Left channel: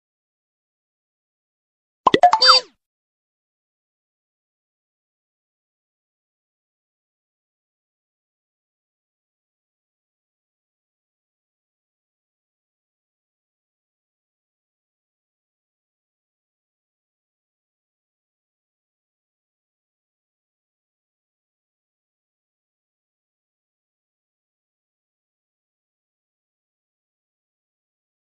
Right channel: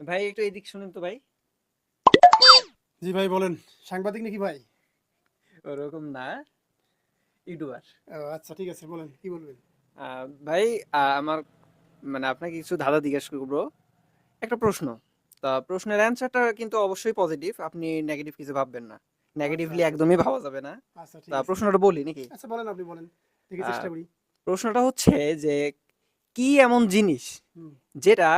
ভাই একটু এদিক শুনেন তো ভাই। জি ভাই বলেন। সাংবাদিক নাকি ভাই? ওরকম না ইউটিউবার। আচ্ছা ঠিক আছে বলেন কি বলবেন? ভাই আমার মানে আপনাকে কিছু ধাঁধা জিজ্ঞেস করব। একটা প্রশ্ন। তা প্রশ্নের অ্যান্সারটা কিন্তু অবশ্যই পজিটিভ আপনি নেগেটিভ কিছু ভাববেন না। নেগেটিভলি আচ্ছা। একদমই ভাবা যাবে না। আচ্ছা ঠিক তা প্রশ্নটা বলি নাকি? আচ্ছা বলেন আপনি বলেন। দেখি চেষ্টা করি। প্রশ্নটা হচ্ছে যে কি এমন জিনিস যেটা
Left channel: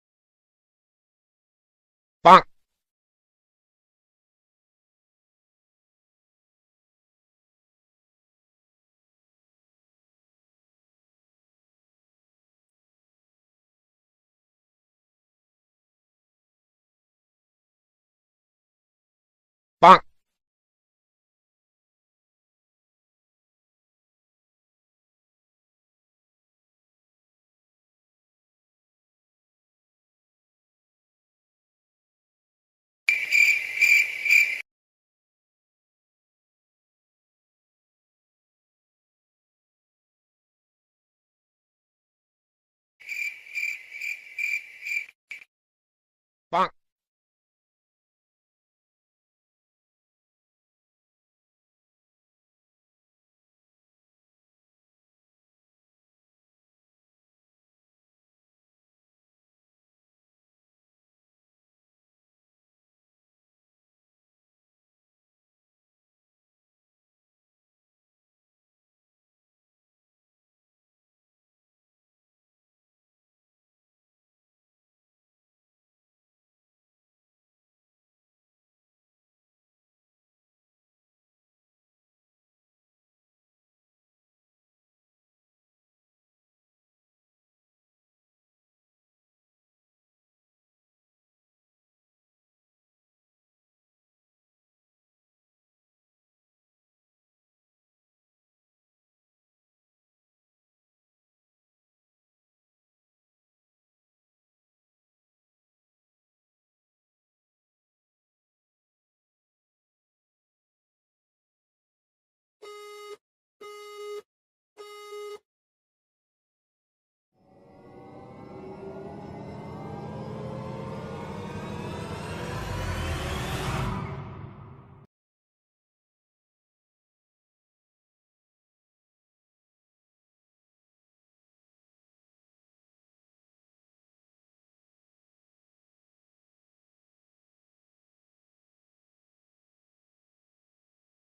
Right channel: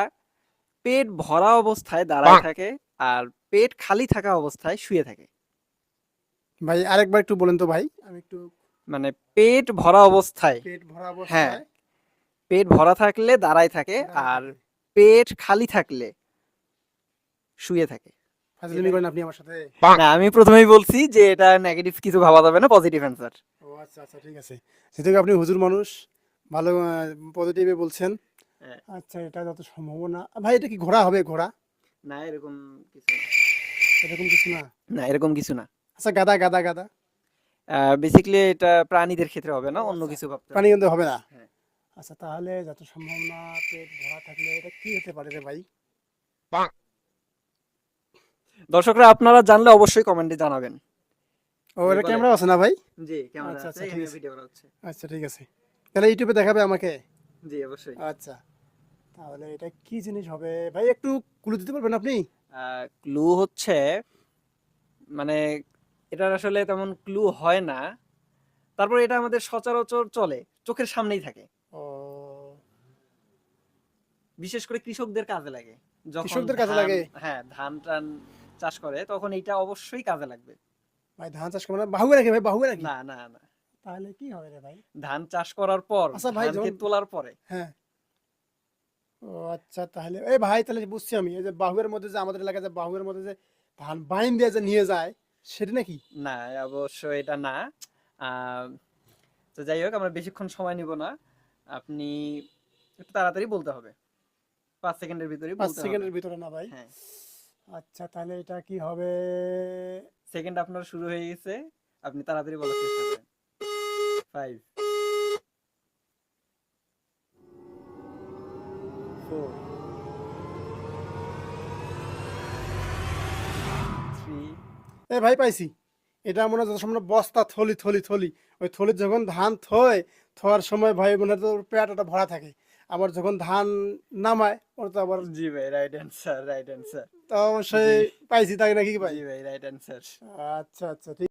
পেট ভরা অবস্থায় দাঁড়ায় থাকে আর পেট খালি থাকা অবস্থায় শুয়ে থাকে। ভাই আরেকবার একটু বলেন তো ভাই আমি একটু মানে পেট ভরা অবস্থায় পেট ভরা অবস্থায় হ্যাঁ, পেট ভরা থাকলে দাঁড়ায় থাকে আর পেট খালি থাকলে শুয়ে থাকে। ফাজলামি করেন আপনি আমার সাথে। না আমি প্রথমেই বলছি যে এটা নেগেটিভ কিছু ভাবা যাবে না পজিটিভ অ্যান্সার ও আচ্ছা আচ্ছা ঠিক আছে। যেহেতু আপনি হুজুর মানুষ ভালো পজিটিভে বলছেন হ্যাঁ। আচ্ছা এটা যত সম্ভাবনা ভাই এটা কি ঘোড়া হবে ঘোড়া? না এরকম কিছু এরকম কিছু না? না এরকম কিছু না। আচ্ছা গাদা গাদা গাদা? বেসিক্যালি এটা প্রাণীদের ক্ষেত্রে হবে না অন্য আচ্ছা। কিছু ভাবতে প্রাণী কিন্তু হবে না? হ্যাঁ। আচ্ছা তাহলে যত সম্ভাবনা পেট ভরা থাকলে এটা কি হতে পারে রে ভাই? দর্শকরা আপনারা জানলে অবশ্যই কমেন্টে জানাবেন। ও এটা ক্যামেরা আছে না ভাই? জি ক্যামেরা আচ্ছা, আছে আচ্ছা, ঠিক আছে। ভিডিও করা হচ্ছে। আচ্ছা ঠিক আছে। তাহলে ইউটিউবে দেখাবে আমাকে? জি অবশ্যই। আচ্ছা তাহলে এটা কি জিনিস হবে? ভাই একটু ক্লু দিতে পারবেন আপনি? ক্লু হচ্ছে মানে এটার আসলে তেমন ক্লু হয় না। তারপর এটা আমাদের সচরাচর চলে চোখের সামনেই থাকে। বিশেষ করে কৃষকদের কাজে লাগে। যখন কৃষকদের কাজে লাগে? হ্যাঁ ধান টান চাষ করে তখন এটা অবশ্যই কাজে লাগবে। ভাই ধান চাষ করবে না বাহুয়ে নাকি? ভাই নাকি? না না না। তাহলে কি হবে রে ভাই? ধান চাষ করার পর আচ্ছা ভাই, ধানকে তোলার পরে। হ্যাঁ। ও আচ্ছা তাহলে এই ভাই তাহলে বুঝছি আমি এই যে বাহুয়ের মধ্যে যে আমাদের এলাকায় যে বাহুয়ের মধ্যে যে ধান বাইন দিয়ে যে নিয়ে যায় সেটা নাকি? না অবশ্য এটা না। তো যাই হোক আমরা বেশিক্ষণ সময় নিব না। আপনি একটু তাড়াতাড়ি বলতে হবে। পাঁচ সেকেন্ডের ভিতরে পাঁচ সেকেন্ডের ভিতরে না ভাই? হ্যাঁ। আচ্ছা তাহলে এটা কি হবে? সেকেন্ড আপনার শুরু হয়ে গেছে। আপনি তাড়াতাড়ি বলার চেষ্টা করেন। ফাইভ ফোর থ্রি এ ভাই পাইছি। এটা মনে হয় যত সময় বস্তা থলি থলি থলি। ওই থলি যখন ধান থয় থোয়ার সময় ভাই মনে হয় তো ওর পেট ওটা ভরা থাকে। আবার যখন ধান নামায় ওর তো আবার জি ভাই রাইট অ্যান্সার রাইট অ্যান্সার তো অবশ্যই পাইছি তাই নাকি ভাই? ভাই রাইট অ্যান্সার আচ্ছা আচ্ছা ঠিক